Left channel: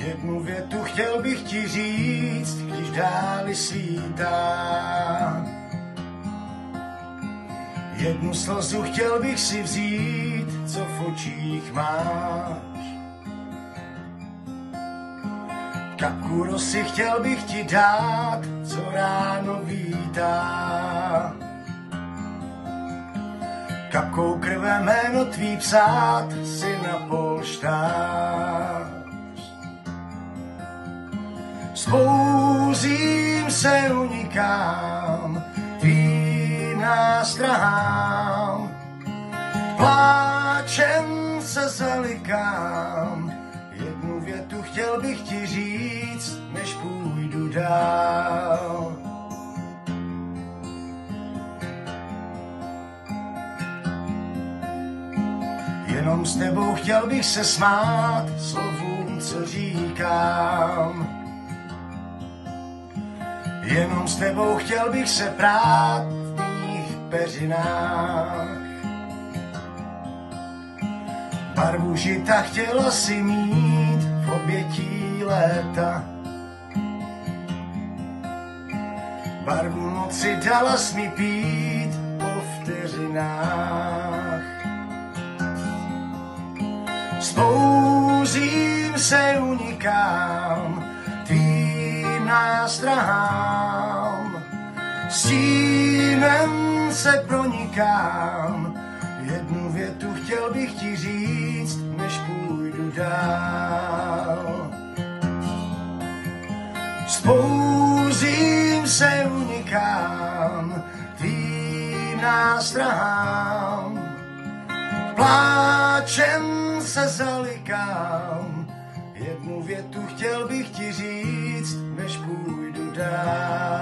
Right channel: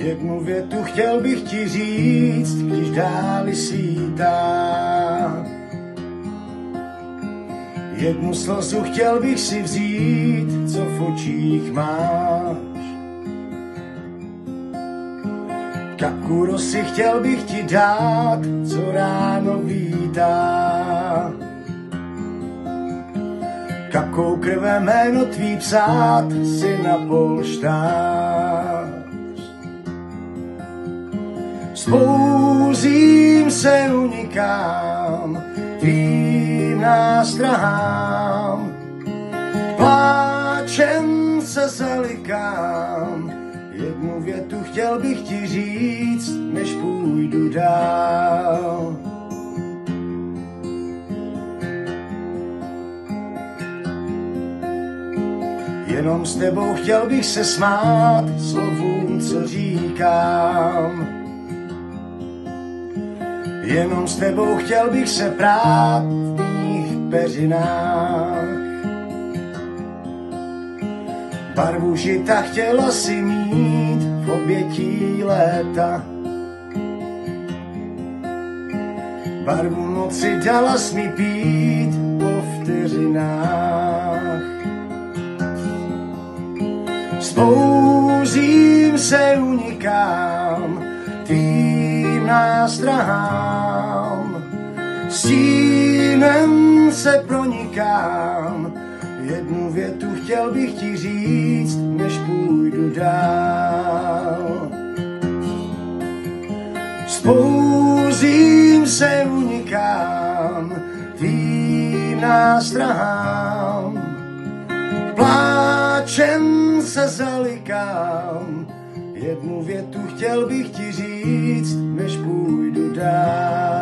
Jednu větu chtěl bych ti říct, když dávy svítá. Jednu slzu chtěl bych si vzít, co v očích máš. Kapku rosy chtěl bych ti dát, co ráno vítá. Kapkou krve jméno tvý psát si na polštář. Spouzím se, unikám, tvým nástrahám. Pláčem se zalikám, jednu větu chtěl bych ti říct, než půjdu dál. Jenom s tebou chtěl bych se smát slovům, co říkám. Jenom s tebou chtěl bych se prát v tvých peřinách. Barvu žita chtěla si mít v obětí léta. Barvu moci dala mi pít po vteřinách. Spouzím se, unikám tvým nástrahám. Stínem se pronikám, jednu větu chtěl bych ti říct, než půjdu dál. Spouzím se, unikám tvým nástrahám. Pláčem se zalikám, jednu větu chtěl bych ti říct, než půjdu dál.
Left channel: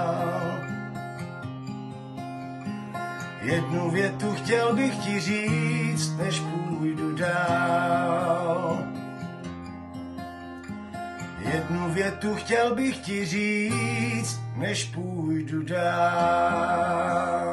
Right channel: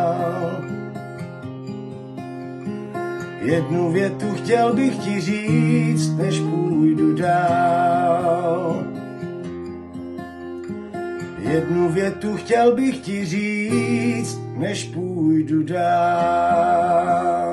Jednu větu chtěl bych ti říct, než půjdu dál. Jednu větu chtěl bych ti říct, než půjdu dál.